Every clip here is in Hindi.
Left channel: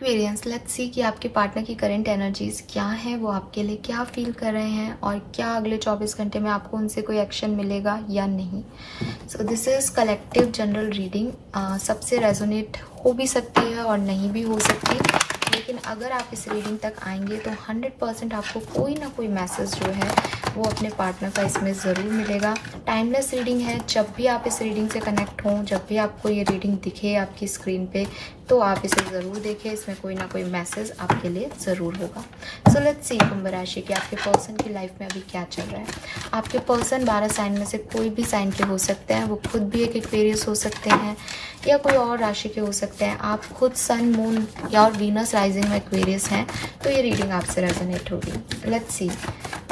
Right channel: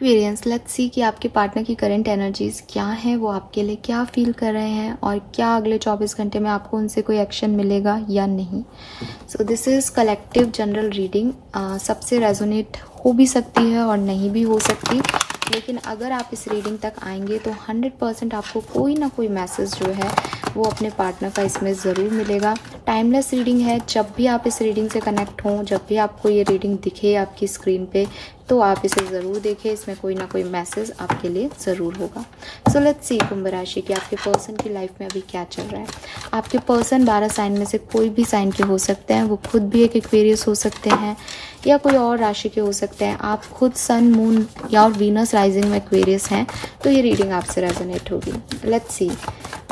एक्वेरियंस, लेट्स सी कि आपके पार्टनर की करंट एनर्जीज क्या है, वो आपके लिए क्या फील कर रहे हैं और क्या अगले 24 घंटे में आपको उनसे कोई एक्शन मिलेगा या नहीं। सो this is collective general reading. सबसे रेजोनेट हो भी सकती है और नहीं भी हो सकती, लेकिन अगर आप इस रीडिंग तक आएंगे तो 100% आपको कोई ना कोई मैसेज जो है वो अपने पार्टनर का इसमें ज़रूर मिलेगा। टाइमलेस रीडिंग है, जब भी आप इस रीडिंग से कनेक्ट हों, जब भी आपको ये रीडिंग दिखे आपकी स्क्रीन पे, तो आप इसे ज़रूर देखें, इसमें कोई ना कोई मैसेज आपके लिए ज़रूर होगा। सो लेट्स सी कुंभ राशि के आपके पर्सन की लाइफ में अभी क्या चल रहा है। आपके पर्सन 12 साइन में से कोई भी साइन पे हो सकते हैं, वो खुद भी एक एक्वेरियस हो सकते हैं या कोई और राशि के हो सकते हैं। आप खुद सन, मून या और वीनस राइजिंग में एक्वेरियस हैं, तो ये रीडिंग आपसे रेजोनेट होगी। लेट्स सी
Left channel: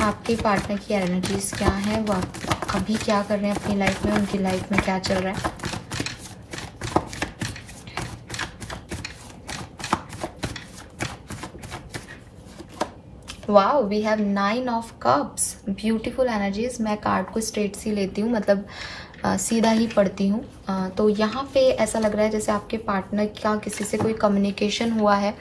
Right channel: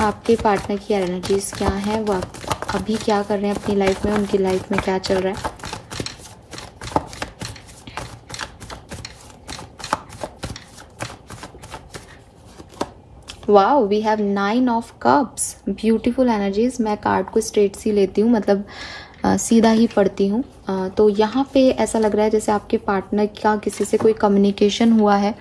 आपके पार्टनर की एनर्जीज क्या है, वो अभी क्या कर रहे हैं अपनी लाइफ में, उनकी लाइफ में क्या चल रहा है। Wow, we have 9 of cups, beautiful energies. मैं कार्ड को स्ट्रेट सी लेती हूँ, मतलब सीधा ही पढ़ती हूँ। तो यहाँ पे ऐसा लग रहा है जैसे आपके पार्टनर का किसी से कोई कम्युनिकेशन हुआ है,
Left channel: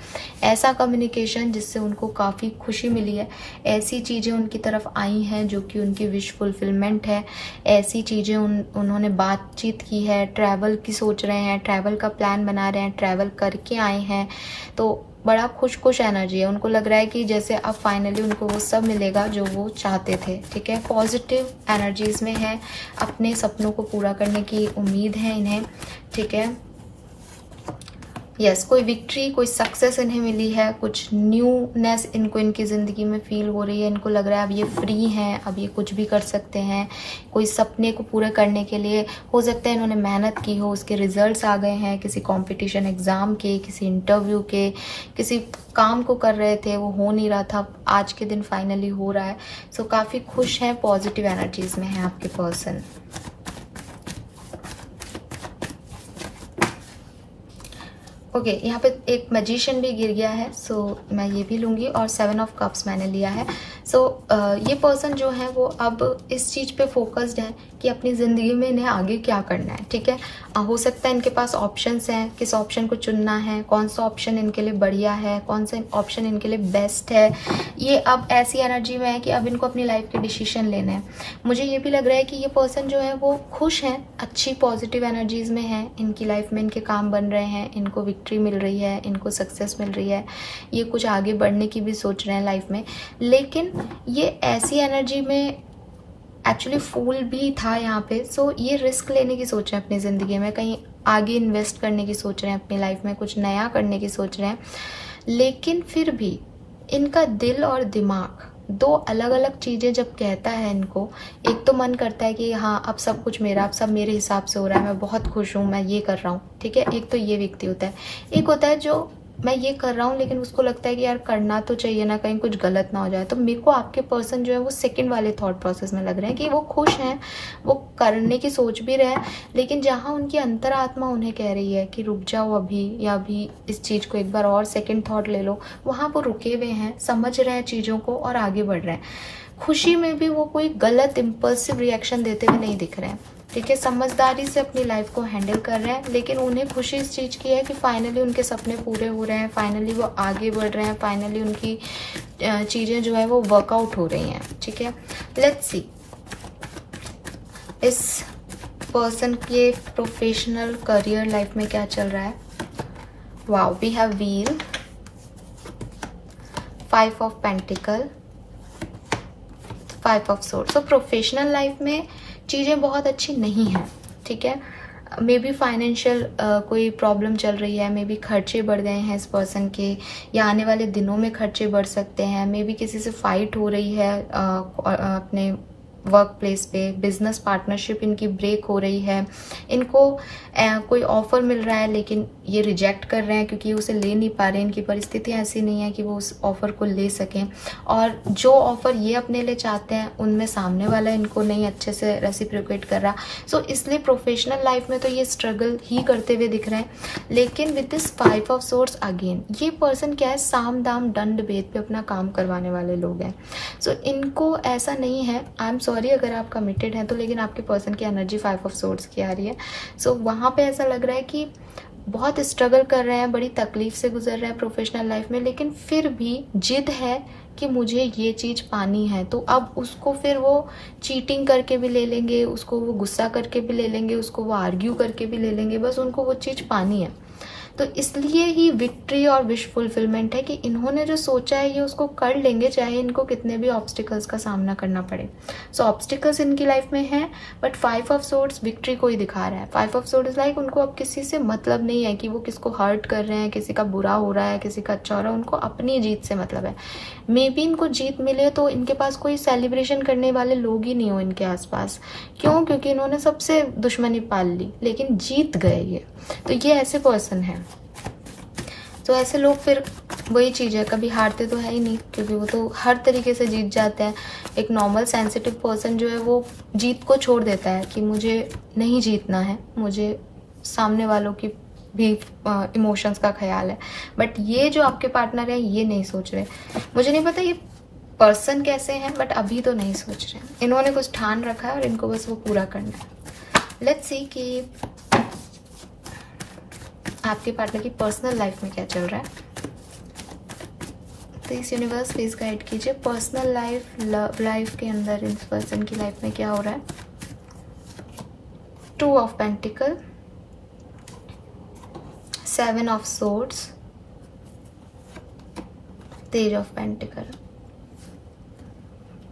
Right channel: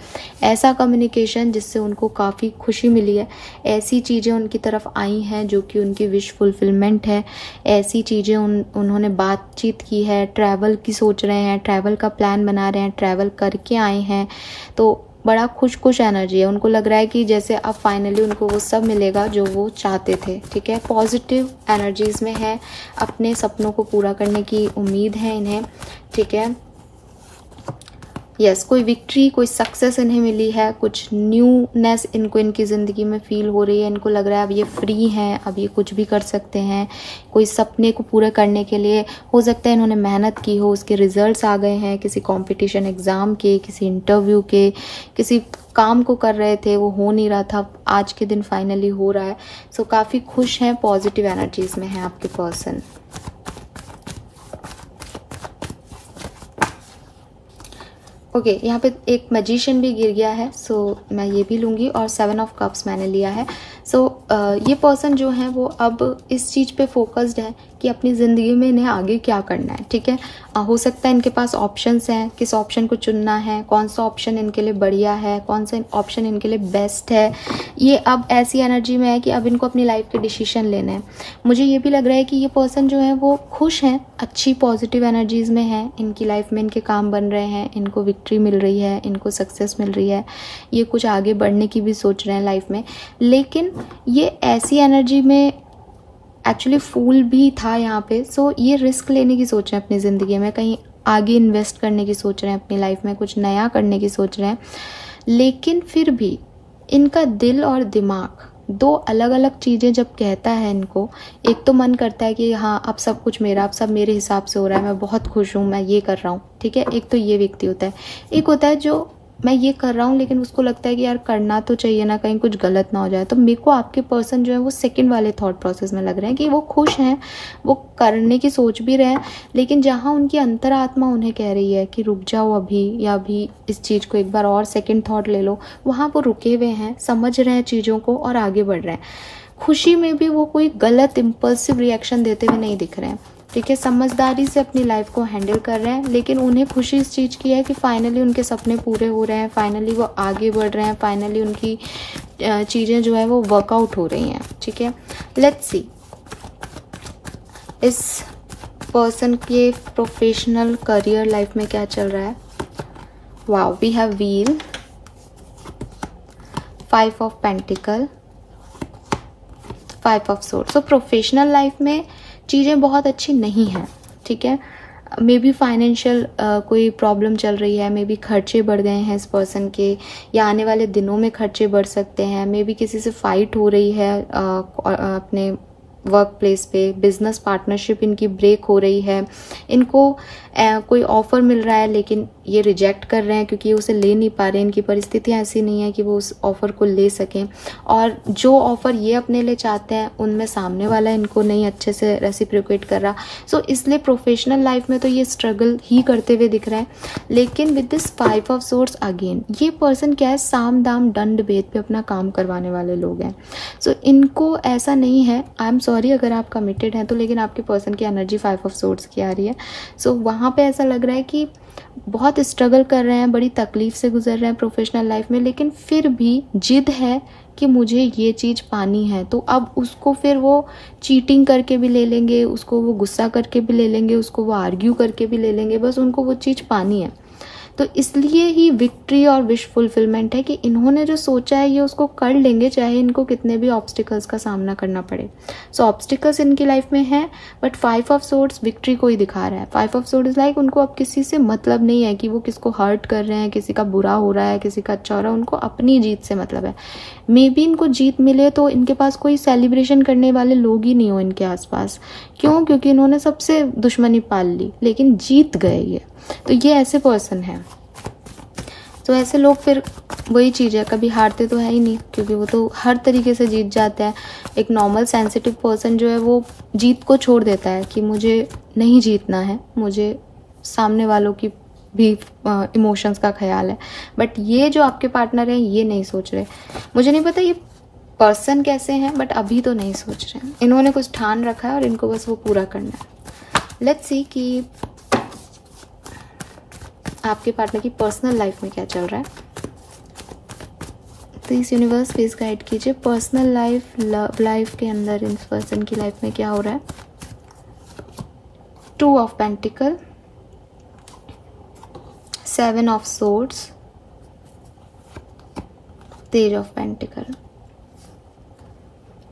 ऐसा कम्युनिकेशन जिससे उनको काफी खुशी मिली है, ऐसी चीजें उनकी तरफ आई हैं जो कि उनकी विश फुलफिलमेंट है, ऐसी चीजें उन्होंने बातचीत की है, ट्रैवल की सोच रहे हैं, ट्रैवल का प्लान बना रहे हैं, ट्रैवल करके आए हैं, तो बड़ा खुश एनर्जी है। उनको लग रहा है कि जैसे अब फाइनली उनको वो सब मिलेगा जो वो चाहते थे। ठीक है, पॉजिटिव एनर्जीज में है, अपने सपनों को पूरा करने की उम्मीद है इन्हें। ठीक है, यस, कोई विक्ट्री, कोई सक्सेस इन्हें मिली है, कुछ न्यूनेस इनको इनकी जिंदगी में फील हो रही है। इनको लग रहा है अब ये फ्री हैं, अब ये कुछ भी कर सकते हैं। कोई सपने को पूरा करने के लिए हो सकता है इन्होंने मेहनत की हो, उसके रिजल्ट्स आ गए हैं, किसी कंपटीशन एग्जाम के, किसी इंटरव्यू के, किसी काम को कर रहे थे, वो हो नहीं रहा था, आज के दिन फाइनली हो रहा है। सो काफी खुश है, पॉजिटिव एनर्जीज में है आपके पर्सन। ओके, यहाँ पे एक मैजिशियन भी गिर गया है, सो मैं ये भी लूंगी, और 7 ऑफ कप्स मैंने लिया है। सो ये पर्सन जो है वो अब इस चीज पे फोकस्ड है कि अपनी जिंदगी में इन्हें आगे क्या करना है। ठीक है, हो सकता है इनके पास ऑप्शंस हैं, किस ऑप्शन को चुनना है, कौन सा ऑप्शन इनके लिए बढ़िया है, कौन सा ऑप्शन इनके लिए बेस्ट है। ये अब ऐसी एनर्जी में है कि अब इनको अपनी लाइफ के डिसीजन लेने हैं। मुझे ये भी लग रहा है कि ये पर्सन जो है वो खुश है, अच्छी पॉजिटिव एनर्जीज में है, इनकी लाइफ में इनके काम बन रहे हैं, इनको विक्ट्री मिल रही है, इनको सक्सेस मिल रही है, ये कुछ आगे बढ़ने की भी सोच रहे हैं लाइफ में। लेकिन ये ऐसी एनर्जी में एक्चुअली फूल भी था यहाँ पे। सो ये रिस्क लेने की सोच रहे हैं अपनी जिंदगी में, कहीं आगे इन्वेस्ट करने की सोच रहे हैं अपनी लाइफ में, कुछ नया करने की सोच रहे हैं। लेकिन फिर भी इनका दिल और दिमाग दो अलग अलग चीजें जब कहता है इनको, एक तो मन करता है कि हाँ अब सब कुछ मेरा, अब सब मेरे हिसाब से हो रहा है, मैं बहुत खुश हूं, मैं ये कर रहा हूँ। ठीक है, एक तो ये व्यक्ति होता है। एक होता है जो मैं ये कर रहा हूँ लेकिन उसको लगता है कि यार करना तो चाहिए ना, कहीं कुछ गलत ना हो जाए। तो मेरे को आपके पर्सन जो है वो सेकंड वाले थॉट प्रोसेस में लग रहे हैं कि वो खुश हैं, वो करने की सोच भी रहे हैं, लेकिन जहां उनकी अंतरात्मा उन्हें कह रही है कि रुक जाओ अभी, या अभी इस चीज को एक बार और सेकंड थॉट ले लो, वहां वो रुके हुए हैं, समझ रहे हैं चीजों को और आगे बढ़ रहे हैं। खुशी में भी वो कोई गलत इम्पल्सिव रिएक्शन देते हुए नहीं दिख रहे हैं। ठीक है, समझदारी से अपनी लाइफ को हैंडल कर रहे हैं, लेकिन उन्हें खुशी इस चीज की है कि फाइनली उनके सपने पूरे हो रहे हैं, फाइनली वो आगे बढ़ रहे हैं, फाइनली उनकी चीजें जो है वो वर्कआउट हो रही हैं। ठीक है, लेट्स सी इस पर्सन के प्रोफेशनल करियर लाइफ में क्या चल रहा है। Wow, we have wheel, 5 of pentacle, 5 of sword. So professional life में चीजें बहुत अच्छी नहीं है। ठीक है, मे बी फाइनेंशियल कोई प्रॉब्लम चल रही है, मे बी खर्चे बढ़ गए हैं इस पर्सन के, या आने वाले दिनों में खर्चे बढ़ सकते हैं। मे बी किसी से फाइट हो रही है अपने वर्क प्लेस पे, बिजनेस पार्टनरशिप इनकी ब्रेक हो रही है, इनको कोई ऑफर मिल रहा है लेकिन ये रिजेक्ट कर रहे हैं क्योंकि उसे ले नहीं पा रहे, इनकी परिस्थितियां ऐसी नहीं है कि वो उस ऑफर को ले सकें, और जो ऑफर ये अपने लिए चाहते हैं उनमें सामने वाला इनको नहीं अच्छे से रेसिप्रोकेट कर रहा। सो इसलिए प्रोफेशनल लाइफ में तो ये स्ट्रगल ही करते हुए दिख रहे हैं। लेकिन with this 5 of swords again, ये पर्सन क्या है, साम दाम दंड भेद पे अपना काम करवाने वाले लोग हैं। सो इनको ऐसा नहीं है, आई एम सॉरी सॉरी अगर आप कमिटेड हैं तो, लेकिन आपके पर्सन की एनर्जी 5 ऑफ सोर्ड्स की आ रही है। सो वहाँ पे ऐसा लग रहा है कि बहुत स्ट्रगल कर रहे हैं, बड़ी तकलीफ से गुजर रहे हैं प्रोफेशनल लाइफ में, लेकिन फिर भी जिद है कि मुझे ये चीज पानी है। तो अब उसको फिर वो चीटिंग करके भी ले लेंगे, उसको वो गुस्सा करके भी ले लेंगे, उसको वो आर्ग्यू करके भी ले लेंगे, बस उनको वो चीज पानी है। तो इसलिए ही विक्ट्री और विश फुलफिलमेंट है कि इन्होंने जो सोचा है ये उसको कर लेंगे, चाहे इनको कितने भी ऑब्स्टिकल्स का सामना करना पड़े। सो ऑब्स्टिकल्स इनकी लाइफ में है, बट 5 ऑफ सोर्ड्स विक्ट्री को ही दिखा रहा है। 5 ऑफ सोर्ड्स लाइक उनको अब किसी से मतलब नहीं है कि वो किसको हर्ट कर रहे हैं, किसी का बुरा हो रहा है, किसी का अच्छा हो रहा है, उनको अपनी जीत से मतलब है। मे बी इनको जीत मिले तो इनके पास कोई सेलिब्रेशन करने वाले लोग ही नहीं हो इनके आसपास। क्यों? क्योंकि इन्होंने सबसे दुश्मनी पाल ली, लेकिन जीत गए ये। तो ये ऐसे पर्सन है। तो ऐसे लोग फिर वही चीज है, कभी हारते तो है ही नहीं, क्योंकि वो तो हर तरीके से जीत जाते हैं। एक नॉर्मल सेंसिटिव पर्सन जो है वो जीत को छोड़ देता है कि मुझे नहीं जीतना है, मुझे सामने वालों की भी इमोशंस का ख्याल है। बट ये जो आपके पार्टनर है ये नहीं सोच रहे। मुझे नहीं पता ये पर्सन कैसे हैं, बट अभी तो नहीं सोच रहे हैं। इन्होंने कुछ ठान रखा है और इनको बस वो पूरा करना है। लेट्स सी कि आपके पार्टनर की पर्सनल लाइफ में क्या चल रहा है। तो इस यूनिवर्स प्लीज गाइड कीजिए पर्सनल लाइफ, लव लाइफ के अंदर इस पर्सन की लाइफ में क्या हो रहा है। 2 of pentacles, 7 of swords, page of pentacles.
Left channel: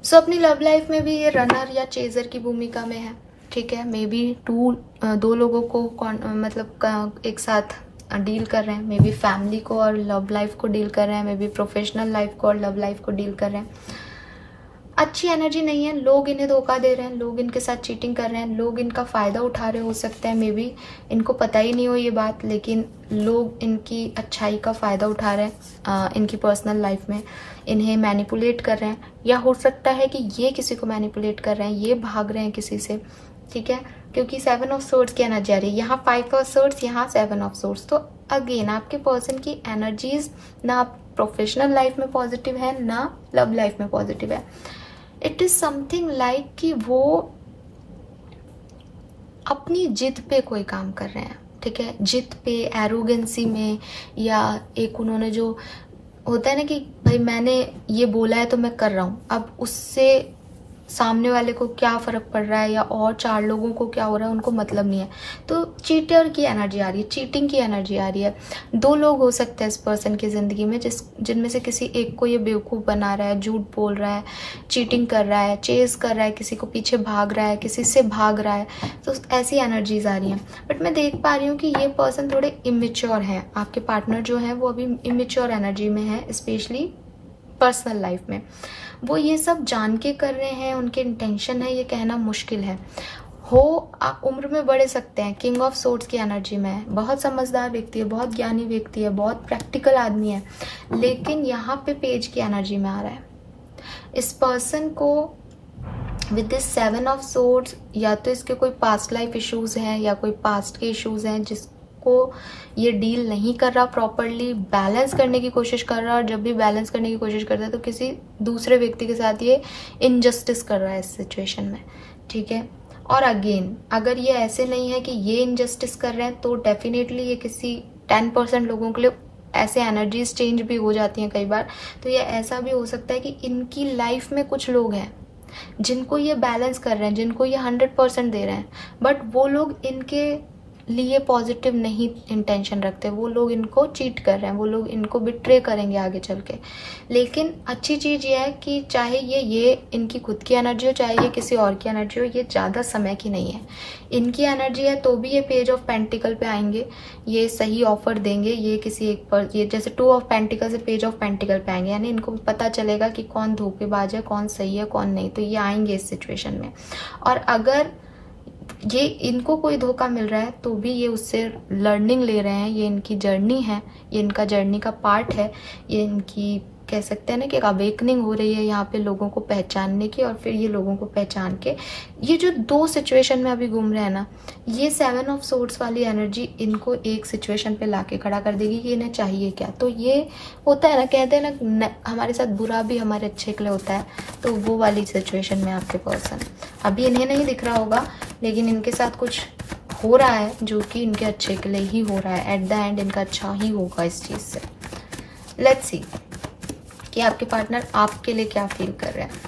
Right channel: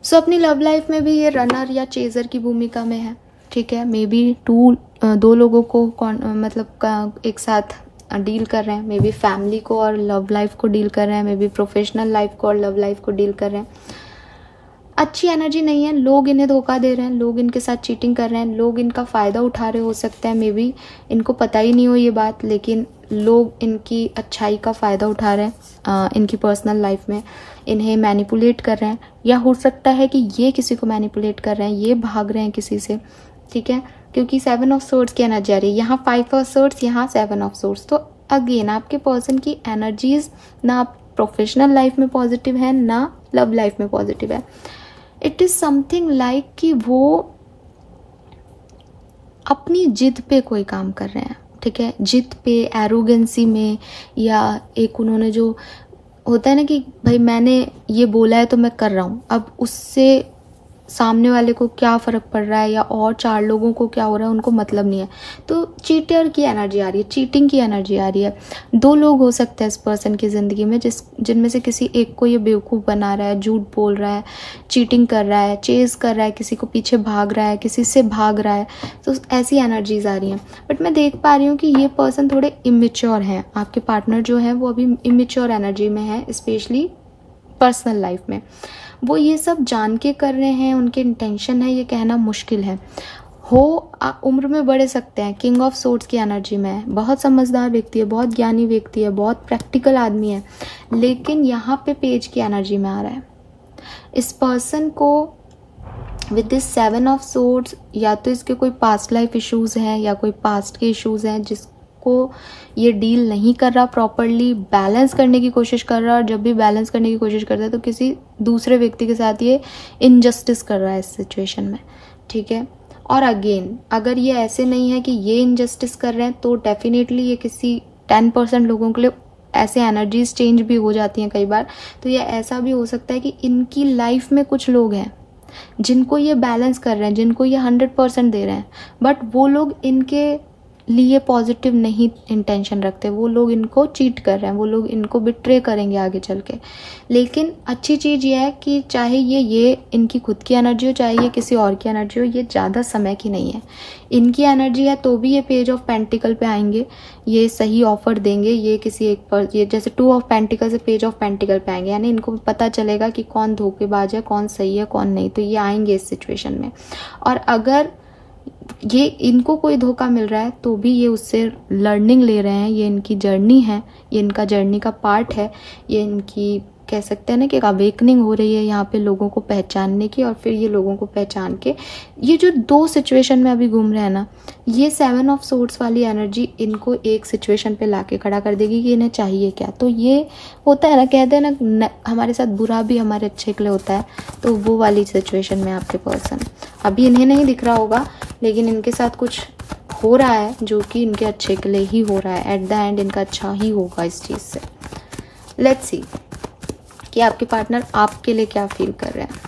So अपनी लव लाइफ में भी ये रनर या चेजर की भूमिका में है, ठीक है। मे बी 2 लोगों को मतलब एक साथ डील कर रहे हैं। मे बी फैमिली को और लव लाइफ को डील कर रहे हैं, मे बी प्रोफेशनल लाइफ को और लव लाइफ को डील कर रहे हैं। अच्छी एनर्जी नहीं है, लोग इन्हें धोखा दे रहे हैं, लोग इनके साथ चीटिंग कर रहे हैं, लोग इनका फायदा उठा रहे हो सकते हैं। मे बी इनको पता ही नहीं हो ये बात, लेकिन लोग इनकी अच्छाई का फायदा उठा रहे हैं इनकी पर्सनल लाइफ में, इन्हें मैनिपुलेट कर रहे हैं। या हो सकता है कि ये किसी को मैनिपुलेट कर रहे हैं, ये भाग रहे हैं किसी से, ठीक है। क्योंकि 7 ऑफ सोर्ड्स की एनर्जी आ रही है, यहाँ 5 ऑफ सोर्ड्स, यहाँ 7 ऑफ सोर्ड्स। तो अगेन आपके पर्सन की एनर्जीज ना प्रोफेशनल लाइफ में पॉजिटिव है, ना लव लाइफ में पॉजिटिव है। इट इज समथिंग लाइक कि वो अपनी जिद पे कोई काम कर रहे हैं, ठीक है। जिद पे, एरोगेंसी में, या एक उन्होंने जो होता है ना कि भाई मैंने ये बोला है तो मैं कर रहा हूं, अब उससे सामने वाले को क्या फर्क पड़ रहा है या और 4 लोगों को क्या हो रहा है उनको मतलब नहीं है। तो चीटर की एनर्जी आ रही है, चीटिंग की एनर्जी आ रही है। 2 लोग हो सकते हैं इस पर्सन की जिंदगी में जिनमें से किसी एक को ये बेवकूफ बना रहा है, झूठ बोल रहा है, चीटिंग कर रहा है, चेज कर रहा है, किसी को पीछे भाग रहा है, किसी से भाग रहा है। तो ऐसी एनर्जीज आ रही है। बट मैं देख पा रही हूँ कि ये पर्सन थोड़े इमेच्योर हैं। आपके पार्टनर जो है वो अभी इमेच्योर एनर्जी में है, स्पेशली पर्सनल लाइफ में। वो ये सब जान के कर रहे हैं, उनके इंटेंशन है, ये कहना मुश्किल है। उम्र में बढ़ सकते हैं, किंग ऑफ सोर्ड्स की एनर्जी में है, बहुत समझदार व्यक्ति है, बहुत ज्ञानी व्यक्ति है, बहुत प्रैक्टिकल आदमी है, लेकिन यहाँ पे पेज की एनर्जी में आ रहा है। इस पर्सन को विद दिस 7 ऑफ सोर्ड्स या तो इसके कोई पास्ट लाइफ इश्यूज हैं या कोई पास्ट के इश्यूज हैं जिसको ये डील नहीं कर रहा प्रॉपरली, बैलेंस करने की कोशिश कर रहा है। और जब भी बैलेंस करने की कोशिश करता है तो किसी दूसरे व्यक्ति के साथ ये इनजस्टिस कर रहा है इस सिचुएशन में, ठीक है। और अगेन अगर ये ऐसे नहीं है कि ये इनजस्टिस कर रहे हैं तो डेफिनेटली ये किसी 10% लोगों के लिए ऐसे एनर्जीज चेंज भी हो जाती हैं कई बार। तो ये ऐसा भी हो सकता है कि इनकी लाइफ में कुछ लोग हैं जिनको ये बैलेंस कर रहे हैं, जिनको ये 100% दे रहे हैं, बट वो लोग इनके लिए पॉजिटिव नहीं इंटेंशन रखते, वो लोग इनको चीट कर रहे हैं, वो लोग इनको बिट्रे करेंगे आगे चल के। लेकिन अच्छी चीज ये है कि चाहे ये इनकी खुद की एनर्जी हो, चाहे ये किसी और की एनर्जी हो, ये ज्यादा समय की नहीं है। इनकी एनर्जी है तो भी ये पेज ऑफ पेंटिकल पे आएंगे, ये सही ऑफर देंगे, ये किसी एक पर, ये जैसे 2 ऑफ पेंटिकल से पेज ऑफ पेंटिकल पे आएंगे, यानी इनको पता चलेगा कि कौन धोखेबाज है, कौन सही है, कौन नहीं। तो ये आएंगे इस सिचुएशन में। और अगर ये इनको कोई धोखा मिल रहा है तो भी ये उससे लर्निंग ले रहे हैं, ये इनकी जर्नी है, ये इनका जर्नी का पार्ट है, ये इनकी कह सकते हैं ना कि एक अवेकनिंग हो रही है यहाँ पे लोगों को पहचानने की, और फिर ये लोगों को पहचान के ये जो दो सिचुएशन में अभी घूम रहे हैं ना, ये 7 ऑफ सोर्ड्स वाली एनर्जी इनको एक सिचुएशन पे लाके खड़ा कर देगी कि इन्हें चाहिए क्या। तो ये होता है ना, कहते हैं ना हमारे साथ बुरा भी हमारे अच्छे के लिए होता है, तो वो वाली सिचुएशन में आपके पर्सन अभी इन्हें नहीं दिख रहा होगा, लेकिन इनके साथ कुछ हो रहा है जो कि इनके अच्छे के लिए ही हो रहा है। एट द एंड इनका अच्छा ही होगा इस चीज से। लेट्स सी कि आपके पार्टनर आपके लिए क्या फील कर रहे हैं।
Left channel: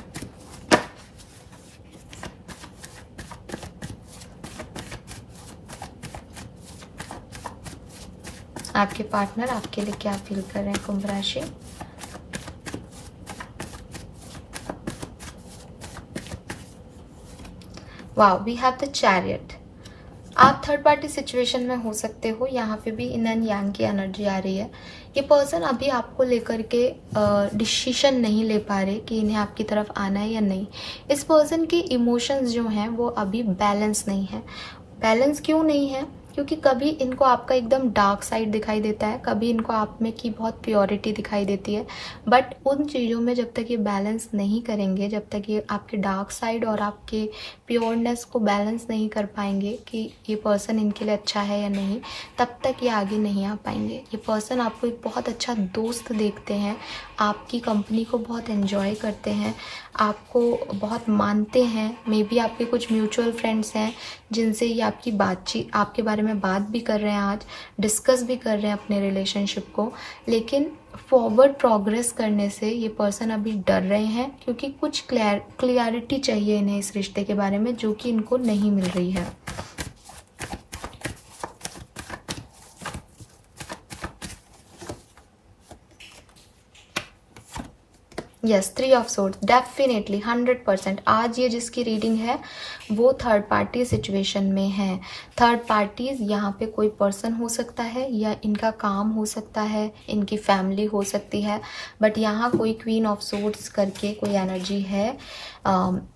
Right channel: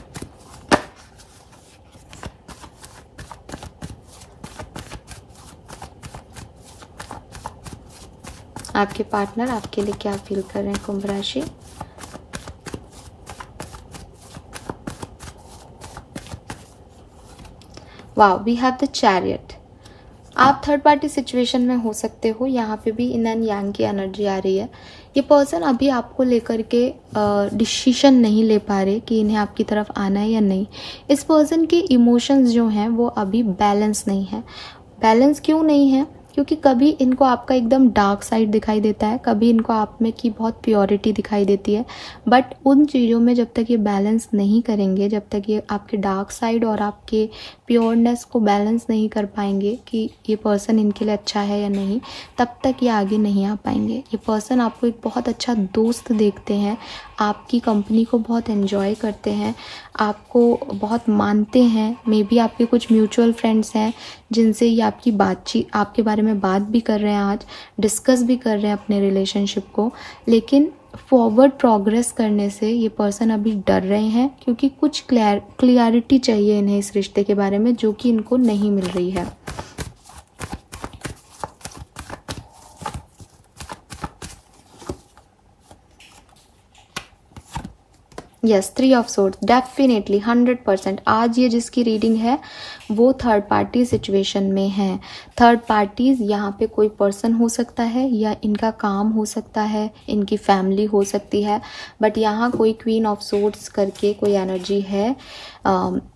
आपके पार्टनर आपके लिए क्या फील कर रहे हैं कुंभ राशि। Wow, we have the chariot. आप थर्ड पार्टी सिचुएशन में हो सकते हो, यहाँ पे भी इन एंड यांग की एनर्जी आ रही है। ये पर्सन अभी आपको लेकर के डिसीजन नहीं ले पा रहे कि इन्हें आपकी तरफ आना है या नहीं। इस पर्सन के इमोशंस जो हैं वो अभी बैलेंस नहीं है। बैलेंस क्यों नहीं है? क्योंकि कभी इनको आपका एकदम डार्क साइड दिखाई देता है, कभी इनको आप में की बहुत प्योरिटी दिखाई देती है। बट उन चीज़ों में जब तक ये बैलेंस नहीं करेंगे, जब तक ये आपके डार्क साइड और आपके प्योरनेस को बैलेंस नहीं कर पाएंगे कि ये पर्सन इनके लिए अच्छा है या नहीं, तब तक ये आगे नहीं आ पाएंगे। ये पर्सन आपको एक बहुत अच्छा दोस्त देखते हैं, आपकी कंपनी को बहुत एंजॉय करते हैं, आपको बहुत मानते हैं। मे बी आपके कुछ म्यूचुअल फ्रेंड्स हैं जिनसे ये आपकी बातचीत, आपके बारे में बात भी कर रहे हैं, आज डिस्कस भी कर रहे हैं अपने रिलेशनशिप को। लेकिन फॉरवर्ड प्रोग्रेस करने से ये पर्सन अभी डर रहे हैं, क्योंकि कुछ क्लियरिटी चाहिए इन्हें इस रिश्ते के बारे में, जो कि इनको नहीं मिल रही है। Yes, 3 of swords, definitely 100%। आज ये जिसकी रीडिंग है वो थर्ड पार्टी सिचुएशन में है। थर्ड पार्टीज यहाँ पे कोई पर्सन हो सकता है, या इनका काम हो सकता है, इनकी फैमिली हो सकती है। बट यहाँ कोई क्वीन ऑफ सोर्ड्स करके कोई एनर्जी है।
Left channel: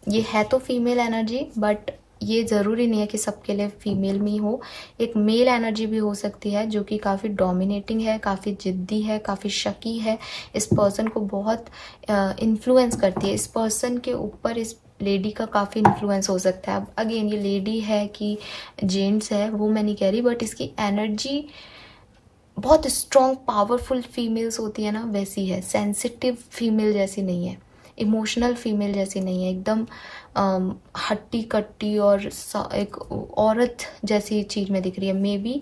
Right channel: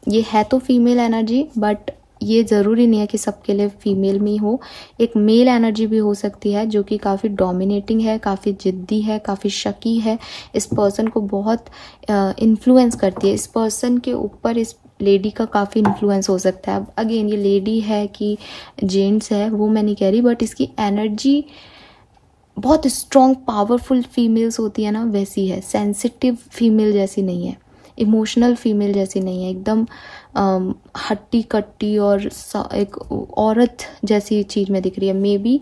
ये है तो फीमेल एनर्जी, बट ये जरूरी नहीं है कि सबके लिए फीमेल में हो। एक मेल एनर्जी भी हो सकती है जो कि काफी डोमिनेटिंग है, काफी जिद्दी है, काफी शकी है, इस पर्सन को बहुत इन्फ्लुएंस करती है। इस पर्सन के ऊपर इस लेडी का काफी इन्फ्लुएंस हो सकता है। अब अगेन ये लेडी है कि जेंट्स है वो मैं नहीं कह रही, बट इसकी एनर्जी बहुत स्ट्रॉन्ग पावरफुल फीमेल्स होती है ना, वैसी है। सेंसिटिव फीमेल जैसी नहीं है, इमोशनल फीमेल जैसी नहीं है, एकदम हट्टी कट्टी और एक औरत जैसी चीज में दिख रही है। May be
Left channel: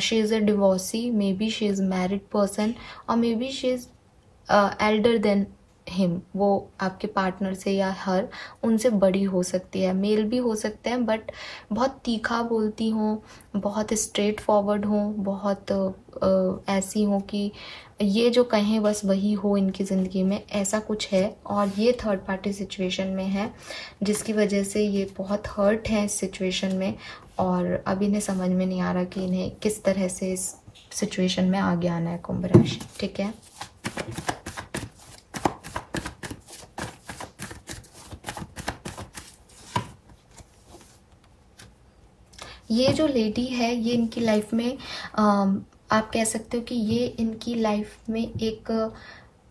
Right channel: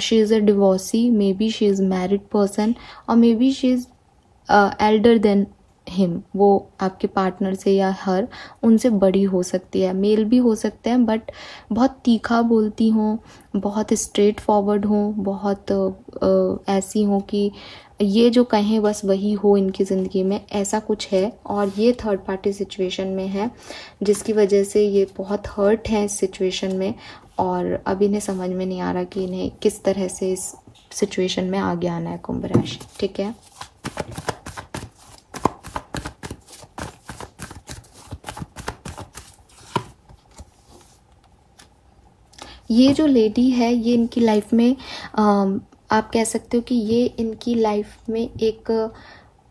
she is a divorcee, may be she is married person, और may be she is elder than him. वो आपके पार्टनर से या हर उनसे बड़ी हो सकती है। मेल भी हो सकते हैं, बट बहुत तीखा बोलती हूँ, बहुत स्ट्रेट फॉरवर्ड हूँ, बहुत ऐसी हूँ कि ये जो कहें बस वही हो इनकी जिंदगी में, ऐसा कुछ है। और ये थर्ड पार्टी सिचुएशन में है, जिसकी वजह से ये बहुत हर्ट है इस सिचुएशन में, और अब इन्हें समझ में नहीं आ रहा कि इन्हें किस तरह से इस सिचुएशन में आगे आना है कुंभ राशि। ठीक है, ये जो लेडी है ये इनकी लाइफ में आप कह सकते हो कि ये इनकी लाइफ में एक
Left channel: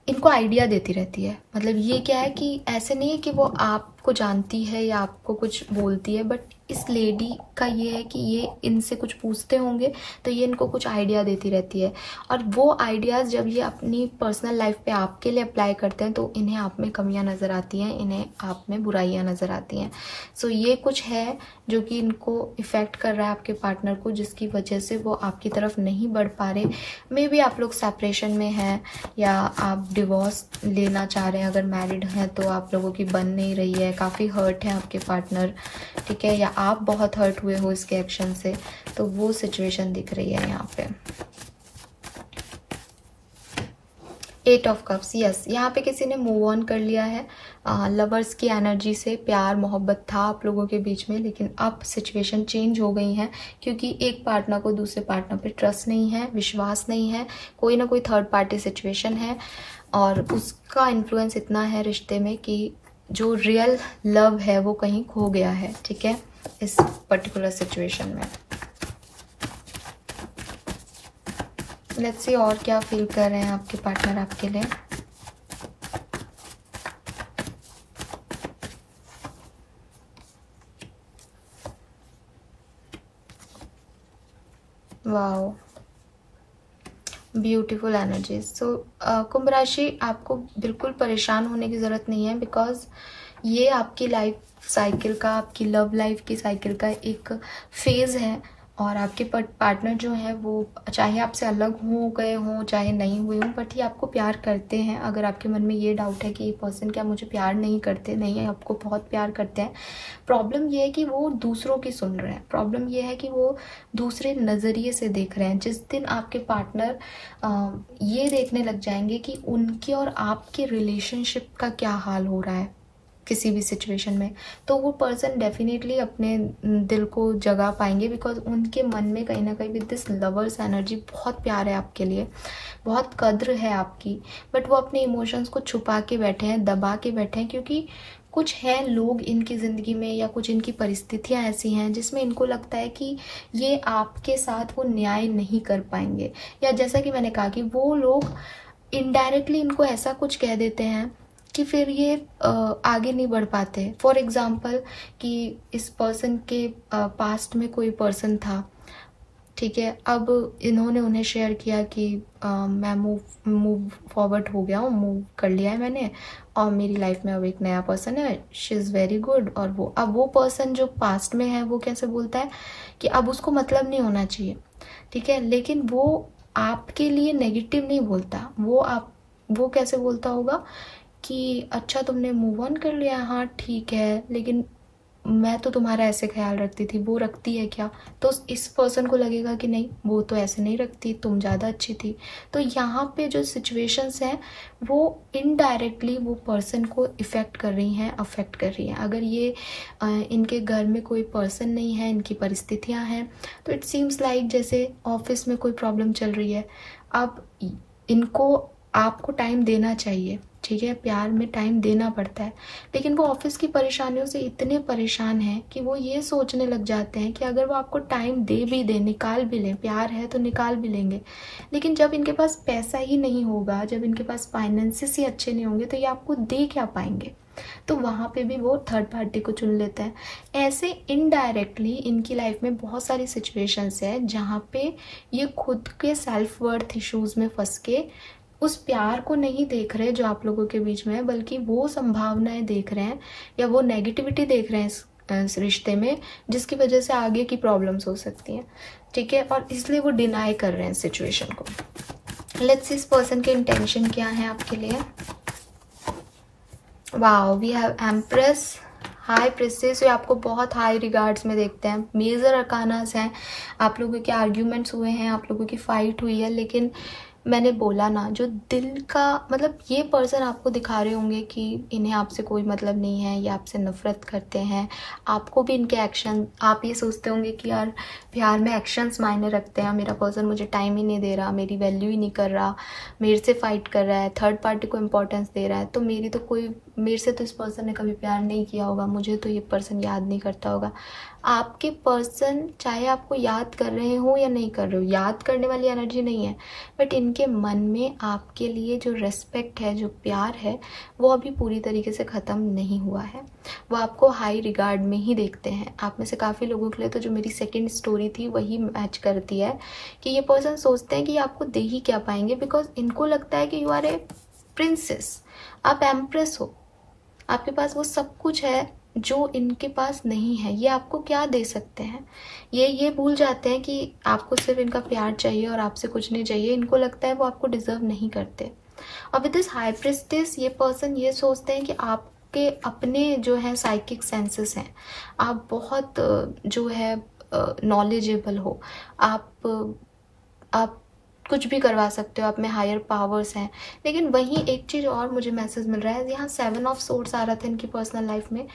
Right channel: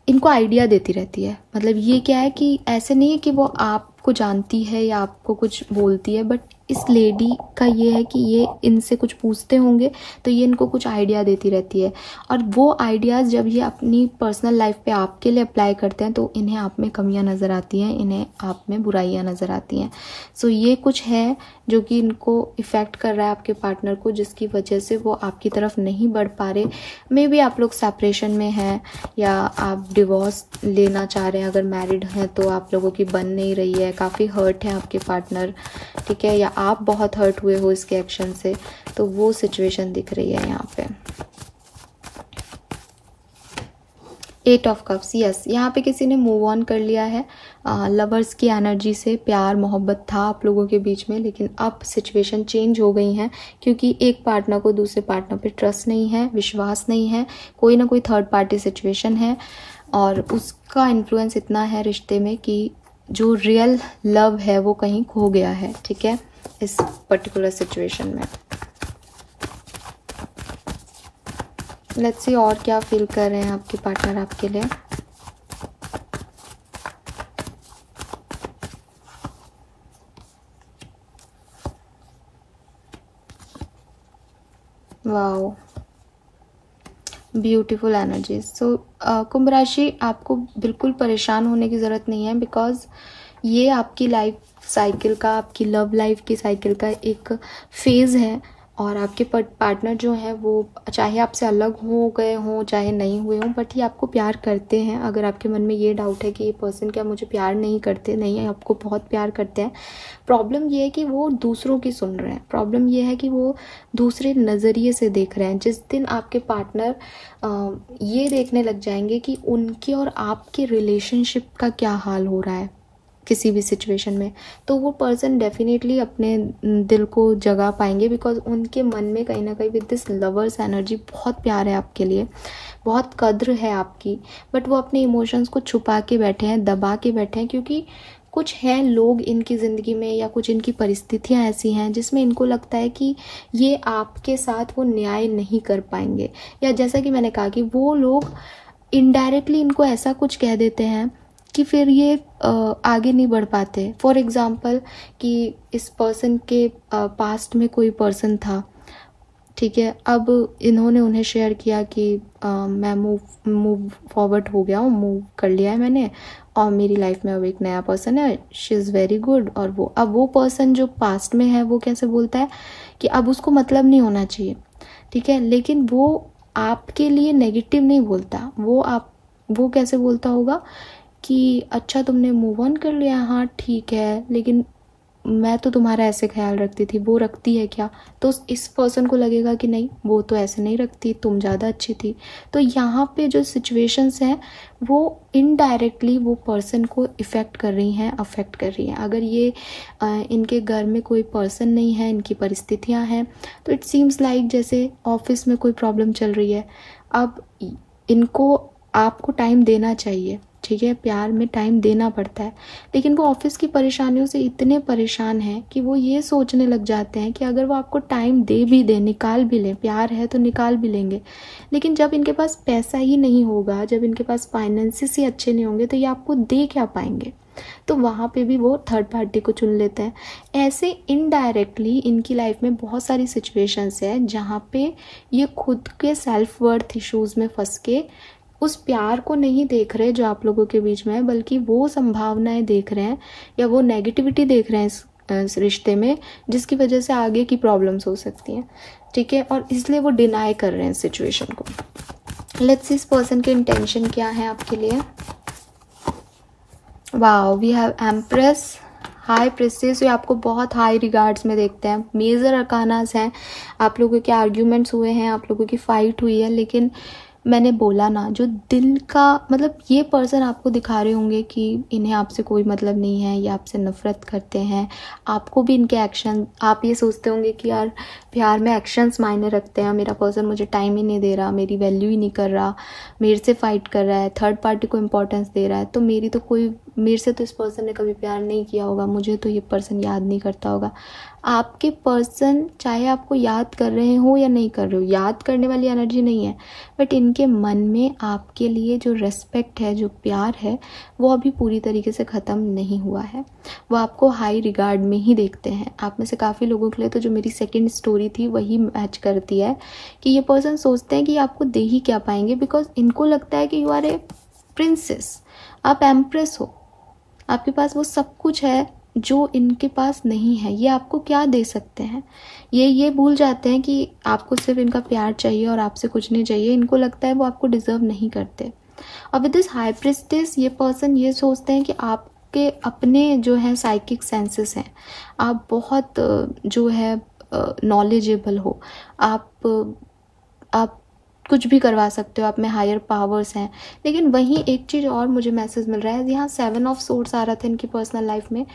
इनको आइडिया देती रहती है। मतलब ये क्या है कि ऐसे नहीं है कि वो आपको जानती है या आपको कुछ बोलती है, बट इस लेडी का ये है कि ये इनसे कुछ पूछते होंगे तो ये इनको कुछ आइडिया देती रहती है, और वो आइडियाज जब ये अपनी पर्सनल लाइफ पे आपके लिए अप्लाई करते हैं तो इन्हें आप में कमियां नजर आती हैं, इन्हें आप में बुराइयां नजर आती हैं। सो ये कुछ है जो कि इनको इफेक्ट कर रहा है आपके पार्टनर को, जिसकी वजह से वो आपकी तरफ नहीं बढ़ पा रहे। मे बी आप लोग सेपरेशन में हैं, या आप डिवोर्स लेना चाह रहे हैं। अगर मैरिड हैं तो आप लोगों की बन नहीं रही है, काफी हर्ट है आपके पार्टनर, ठीक है, या आप बहुत हर्ट हुए हो इसके एक्शन से, तो वो सिचुएशन दिख रही है यहाँ पे। 8 ऑफ कप्स, यस, यहाँ पे किसी ने मूव ऑन कर लिया है लवर्स की एनर्जी से। प्यार मोहब्बत था आप लोगों के बीच में, लेकिन अब सिचुएशन चेंज हो गई है, क्योंकि एक पार्टनर को दूसरे पार्टनर पे ट्रस्ट नहीं है, विश्वास नहीं है, कोई ना कोई थर्ड पार्टी सिचुएशन है, और उसका इन्फ्लुएंस इतना है रिश्ते में कि जो रियल लव है वो कहीं खो गया है, ठीक है, इस पर्टिकुलर सिचुएशन में। लेट्स सी और क्या फील कर रहे हैं आपके पार्टनर आपके लिए। Wow, beautiful energy. सो कुंभ राशि, आपको बिल्कुल परेशान होने की जरूरत नहीं है, बिकॉज ये आपकी लाइफ साइकिल का, आपकी लव लाइफ की साइकिल का एक फेज है। और आपके पार्टनर जो है वो चाहे आपसे अलग हो गए हों चाहे नहीं हुए हों, बट ये आपको प्यार करते हैं। अगर आपके मन में ये डाउट है कि ये पर्सन क्या मुझे प्यार नहीं करते, नहीं है, आपको बहुत प्यार करते हैं। प्रॉब्लम ये है कि वो दूसरों की सुन रहे हैं, प्रॉब्लम ये है कि वो दूसरे नज़रिए से देख रहे हैं। जिस दिन आपके पार्टनर ये देखने लग जाएंगे कि उनके और आपके रिलेशनशिप का क्या हाल हो रहा है किसी भी सिचुएशन में, तो वो पर्सन डेफिनेटली अपने दिल को जगा पाएंगे, बिकॉज उनके मन में कहीं ना कहीं विद दिस लवर्स एनर्जी बहुत प्यार है आपके लिए, बहुत कद्र है आपकी, बट वो अपने इमोशंस को छुपा के बैठे हैं, दबा के बैठे हैं, क्योंकि कुछ है लोग इनकी ज़िंदगी में या कुछ इनकी परिस्थितियां ऐसी हैं जिसमें इनको लगता है कि ये आपके साथ वो न्याय नहीं कर पाएंगे, या जैसा कि मैंने कहा कि वो लोग इनडायरेक्टली इनको ऐसा कुछ कह देते हैं कि फिर ये आगे नहीं बढ़ पाते। फॉर एग्जाम्पल कि इस पर्सन के पास्ट में कोई पर्सन था, ठीक है, अब इन्होंने उन्हें शेयर किया कि मैं मूव फॉरवर्ड हो गया हूँ, मूव कर लिया है मैंने, और मेरी लाइफ में अब एक नया पर्सन है, शी इज़ वेरी गुड। और वो अब वो पर्सन जो पास्ट में है वो कैसे बोलता है कि अब उसको मतलब नहीं होना चाहिए, ठीक है, लेकिन वो आपके लिए नेगेटिव नहीं बोलता। वो कैसे बोलता होगा कि अच्छा तुमने मूव ऑन कर लिया, हाँ ठीक है, लेकिन मैं तो तुम्हारा ऐसे ख्याल रखती थी, वो रखती है क्या? तो इस पर्सन को लगेगा कि नहीं, वो तो ऐसे नहीं रखती, तुम ज़्यादा अच्छी थी। तो यहाँ पे जो सिचुएशंस हैं वो इनडायरेक्टली वो पर्सन को इफ़ेक्ट कर रही हैं, अफेक्ट कर रही हैं। अगर ये इनके घर में कोई पर्सन नहीं है, इनकी परिस्थितियाँ हैं, तो इट सीम्स लाइक जैसे ऑफिस में कोई प्रॉब्लम चल रही है। अब इनको आपको टाइम देना चाहिए, ठीक है, प्यार में टाइम देना पड़ता है, लेकिन वो ऑफिस की परेशानियों से इतने परेशान हैं कि वो ये सोचने लग जाते हैं कि अगर वो आपको टाइम दे भी दे, निकाल भी ले, प्यार है तो निकाल भी लेंगे, लेकिन जब इनके पास पैसा ही नहीं होगा, जब इनके पास फाइनेंसेस ही अच्छे नहीं होंगे, तो ये आपको दे क्या पाएंगे? तो वहाँ पे भी वो थर्ड पार्टी को चुन लेते हैं। ऐसे इनडायरेक्टली इनकी लाइफ में बहुत सारी सिचुएशंस है जहाँ पे ये खुद के सेल्फ वर्थ इश्यूज में फंस के उस प्यार को नहीं देख रहे जो आप लोगों के बीच में है, बल्कि वो संभावनाएं देख रहे हैं या वो नेगेटिविटी देख रहे हैं इस रिश्ते में, जिसकी वजह से आगे की प्रॉब्लम्स हो सकती हैं, ठीक है, और इसलिए वो डिनाई कर रहे हैं सिचुएशन को। लेट्स सी इस पर्सन के इंटेंशन क्या है आपके लिए। Wow, we have empress, high priestess, ये आपको बहुत हाई रिगार्ड्स में देखते हैं। मेजर अरकानास हैं, आप लोगों के आर्ग्यूमेंट्स हुए हैं, आप लोगों की फाइट हुई है, लेकिन मैंने बोला ना, जो दिल का मतलब ये पर्सन आपको दिखा रहे होंगे कि इन्हें आपसे कोई मतलब नहीं है, ये आपसे नफरत करते हैं, आपको भी इनके एक्शन, आप ये सोचते होंगे कि यार प्यार में एक्शंस मायने रखते हैं, मेरा पर्सन मुझे टाइम ही नहीं दे रहा, मेरी वैल्यू ही नहीं कर रहा, मेरे से फाइट कर रहा है, थर्ड पार्टी को इम्पोर्टेंस दे रहा है, तो मेरे से तो इस पर्सन ने कभी प्यार नहीं किया होगा, मुझे तो ये पर्सन याद नहीं करता होगा। आपके पर्सन चाहे आपको याद कर रहे हो या नहीं कर रहे हो, याद करने वाली एनर्जी नहीं है, बट इनके मन में आपके लिए जो रेस्पेक्ट है, जो प्यार है, वो अभी पूरी तरीके से ख़त्म नहीं हुआ है। वो आपको हाई रिगार्ड में ही देखते हैं। आप में से काफ़ी लोगों के लिए तो जो मेरी सेकंड स्टोरी थी वही मैच करती है कि ये पर्सन सोचते हैं कि आपको दे ही क्या पाएंगे, बिकॉज इनको लगता है कि यू आर ए प्रिंसेस, आप एम्प्रेस हो, आपके पास वो सब कुछ है जो इनके पास नहीं है। ये आपको क्या दे सकते हैं, ये भूल जाते हैं कि आपको सिर्फ इनका प्यार चाहिए और आपसे कुछ नहीं चाहिए। इनको लगता है वो आपको डिजर्व नहीं करते। और विद दिस हाई प्रिस्टेस ये पर्सन ये सोचते हैं कि आपके अपने जो है साइकिक सेंसेस हैं, आप बहुत जो है नॉलेजेबल हो, आप कुछ भी करवा सकते हो, आप में हायर पावर्स हैं। लेकिन वहीं एक चीज़ और मुझे मैसेज मिल रहा है, यहाँ 7 ऑफ सोर्ड्स आ रहा था इनकी पर्सनल लाइफ में।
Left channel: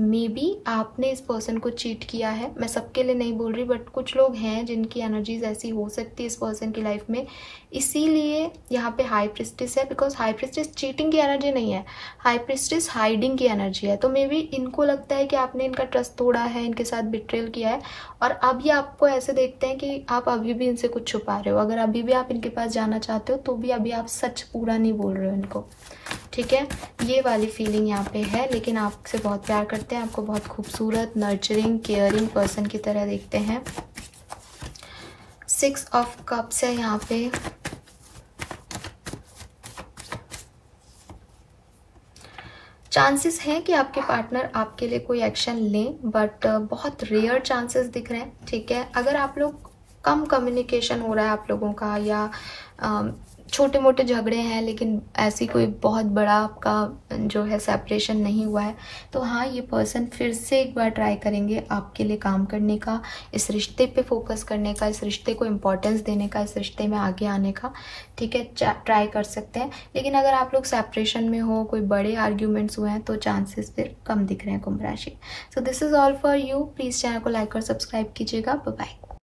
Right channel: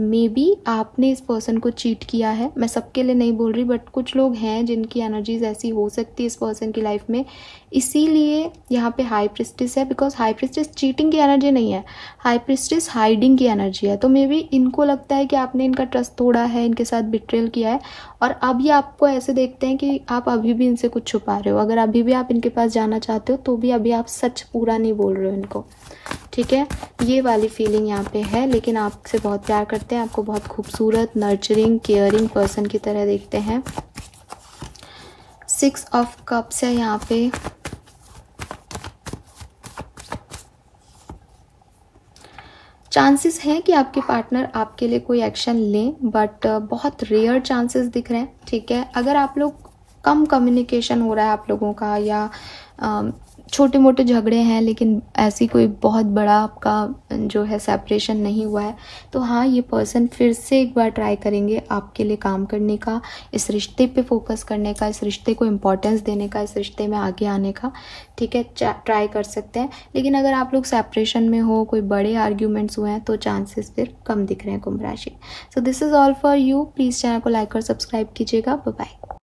मे बी आपने इस पर्सन को चीट किया है, मैं सबके लिए नहीं बोल रही, बट कुछ लोग हैं जिनकी एनर्जीज ऐसी हो सकती है इस पर्सन की लाइफ में। इसीलिए यहाँ पे हाई प्रिस्टेस है, बिकॉज हाई प्रिस्टेस चीटिंग की एनर्जी नहीं है, हाई प्रिस्टेस हाइडिंग की एनर्जी है। तो मे बी इनको लगता है कि आपने इनका ट्रस्ट तोड़ा है, इनके साथ बिट्रेल किया है, और अब ये आपको ऐसे देखते हैं कि आप अभी भी इनसे कुछ छुपा रहे हो। अगर अभी भी आप इनके पास जाना चाहते हो तो भी अभी आप सच पूरा नहीं बोल रहे हो इनको, ठीक है। ये वाली फीलिंग यहाँ पे है, लेकिन आपसे बहुत प्यार करते हैं, आपको बहुत खूबसूरत, नर्चरिंग, केयरिंग पर्सन की तरह देखते हैं। 6 ऑफ कप्स है यहाँ पे। चांसेस हैं कि आपके पार्टनर आपके लिए कोई एक्शन लें, बट बहुत रेयर चांसेस दिख रहे हैं, ठीक है। अगर आप लोग कम कम्युनिकेशन हो रहा है आप लोगों का, या छोटे मोटे झगड़े हैं, लेकिन ऐसी कोई बहुत बड़ा आपका जो है सेपरेशन नहीं हुआ है, तो हाँ, ये पर्सन फिर से एक बार ट्राई करेंगे आपके लिए काम करने का, इस रिश्ते पे फोकस करने का, इस रिश्ते को इम्पोर्टेंस देने का, इस रिश्ते में आगे आने का, ठीक है, ट्राई कर सकते हैं। लेकिन अगर आप लोग सेपरेशन में हो, कोई बड़े आर्ग्यूमेंट्स हुए हैं, तो चांसेस फिर कम दिख रहे हैं कुंभ राशि। So this is all for you. Please channel को लाइक और सब्सक्राइब कीजिएगा। Bye bye.